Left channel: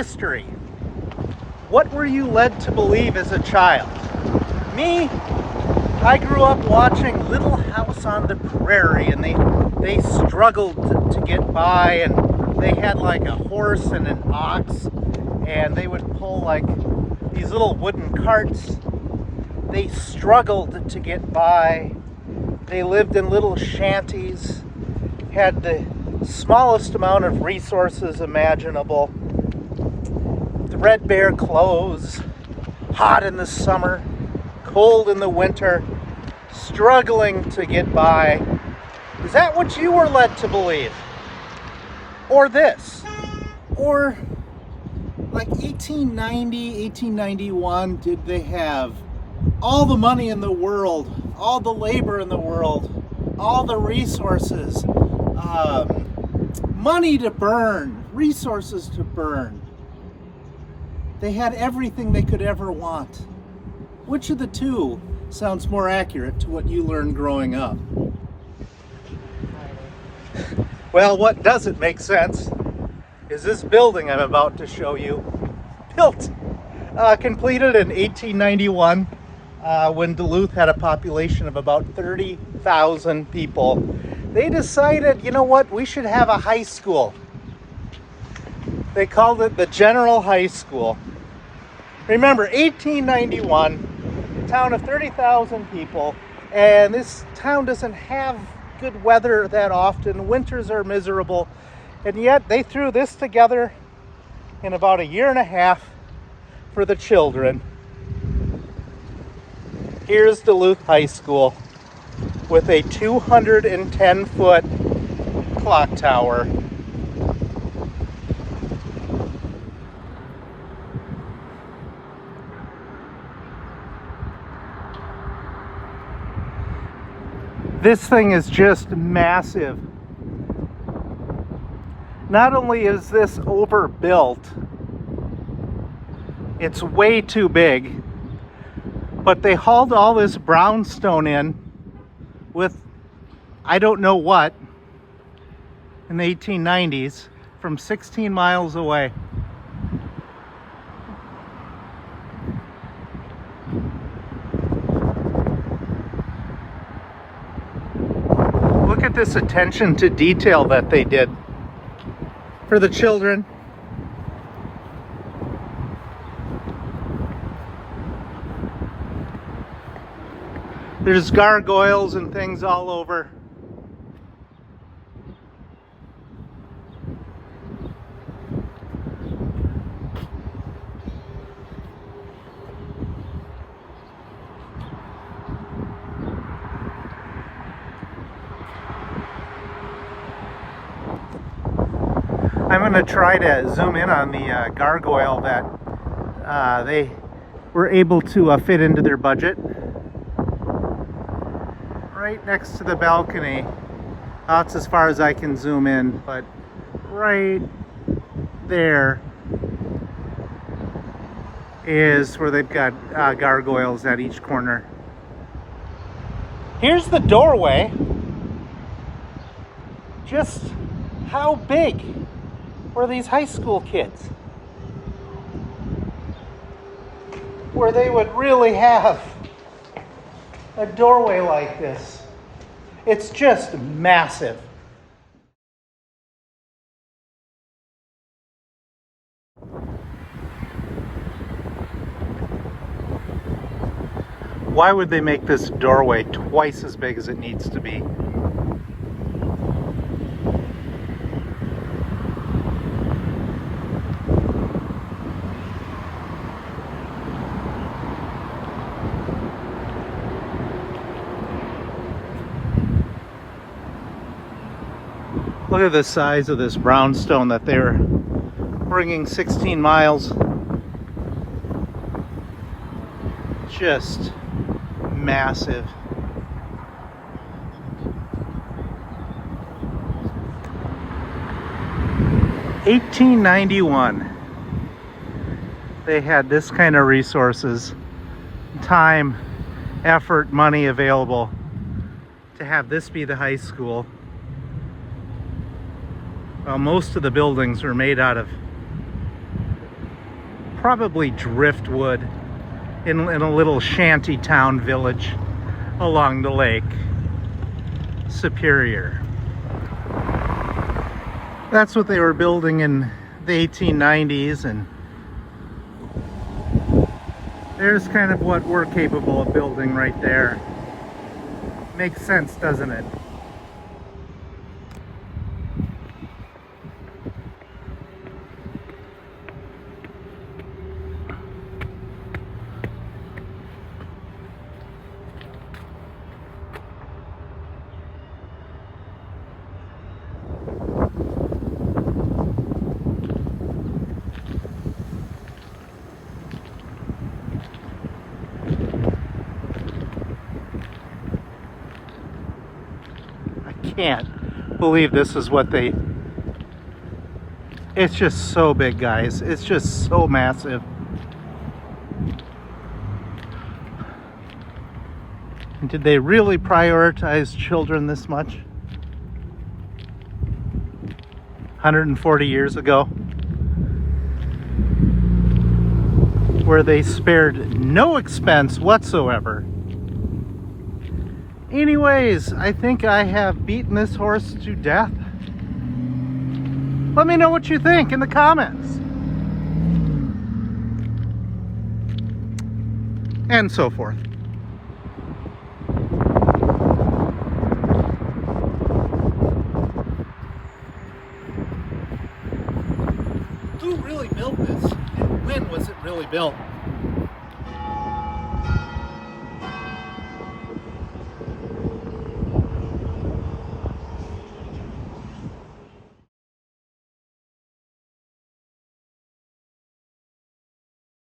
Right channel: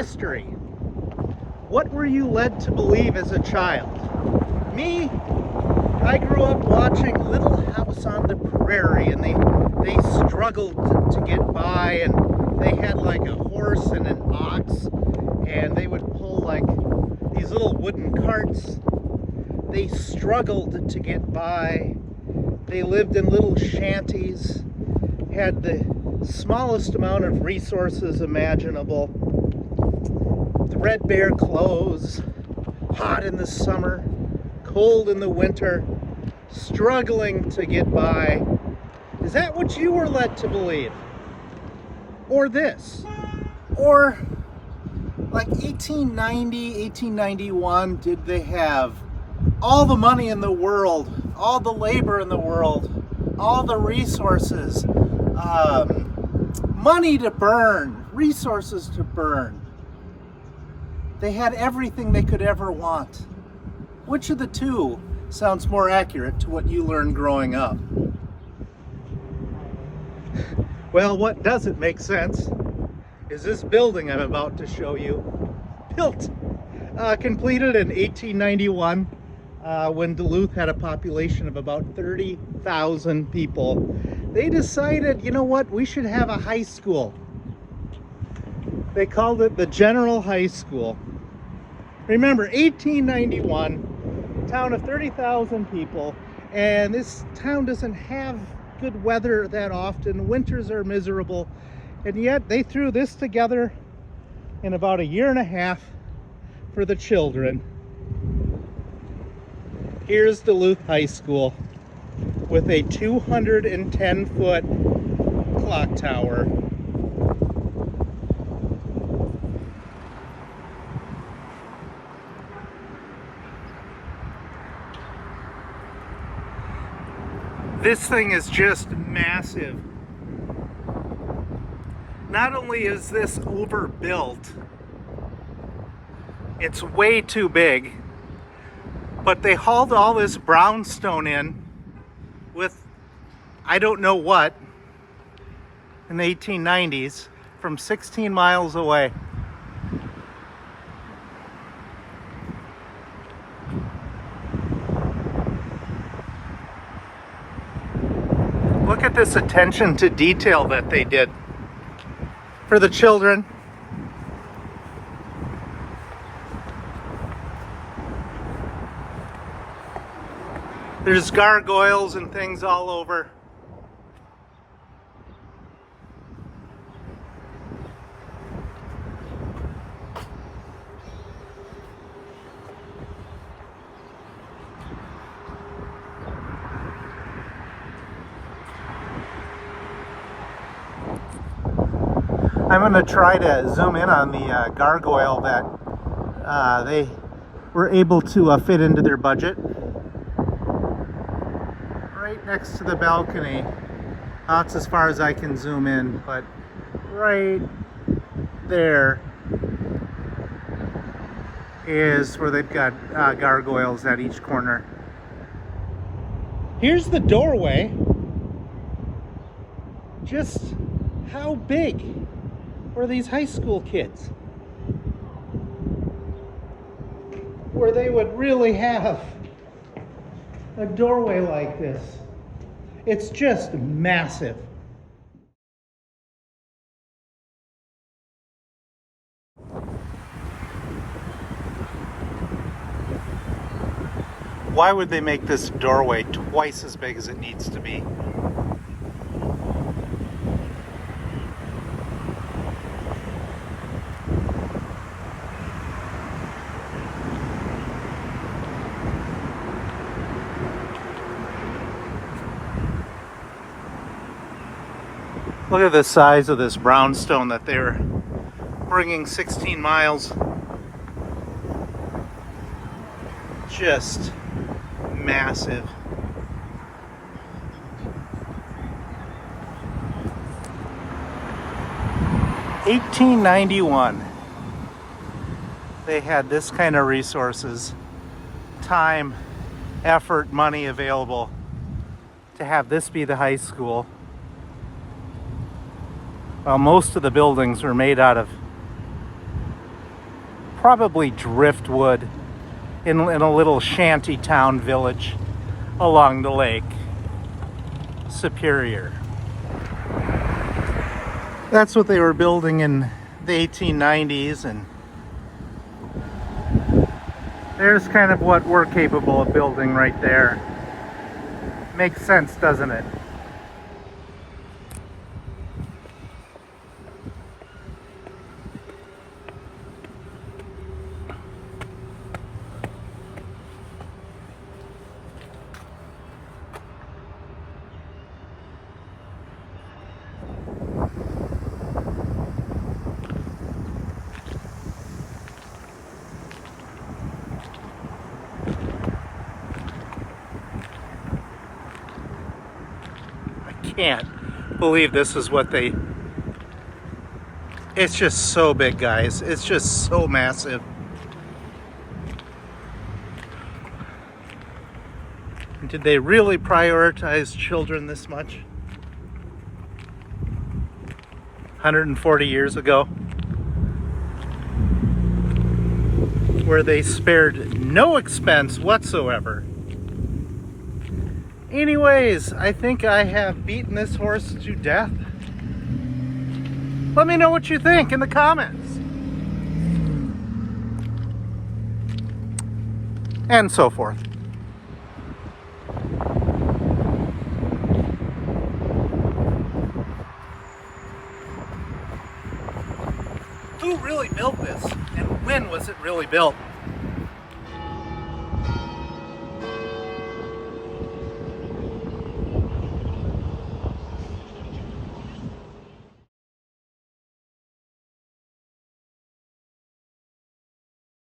history. What were you led to believe as a child? Me, I grew up watching Little House on the Prairie, and they struggled to get by, and they had like a horse and an ox, and they would pull like these little wooden carts. They struggled to get by. They lived in little shanties, had the smallest amount of resources imaginable, threadbare clothes, hot in the summer, cold in the winter, struggling to get by. Is that what you were led to believe? Or this? Or like 1890, 1891, did they have all the money in the world, all the labor in the world, all the resources, money to burn, resources to burn? They had everything they could ever want. Which of the two sounds more accurate to what you learned growing up? Well, what doesn't make sense is this building I'm about to show you. Built, completed in 1891, when Duluth had a population of about 30,000 people. They decided, you know what, we should have a high school. They called it the General High School. Remember, 1891, town of 30,000 people, and this town doesn't have good weather that often. Winters are miserable, and yet they threw this together in about a year and a half for the children. Here's Duluth High School with a 210-foot clock tower. This thing is just massive. Not only is this overbuilt, it's way too big, but they hauled all this brownstone in with I don't know what in the 1890s from 16 miles away. Look at this attention to detail that they did for the children. There's gargoyles and things all over. I'm going to try to zoom in on the gargoyle that they were able to fit into their budget. Right next to the balcony. That's as far as I can zoom in, but right there is where they've got gargoyles at each corner. Here's the doorway. Just how big were these high school kids? Where they would really have a doorway like this. It's just massive. Why would they make this doorway twice as big as it needs to be? Look at the size of this brownstone that they're bringing 16 miles. Just massive. $1891. They had this kind of resources, time, effort, money available to have this be the high school. Most of the buildings were made out of probably driftwood in a little shanty town village along the lake Superior. That's what they were building in the 1890s, and there's kind of what we're capable of building right there. Makes sense, doesn't it? Can't believe this is what they... It's just so big, guys. It's just so massive. Did they really prioritize children this much? 140 years ago, where they spared no expense whatsoever. Anyways, I think I have beaten this horse to death. Let me know what you think in the comments. And so forth. Who really built this? And when was it really built?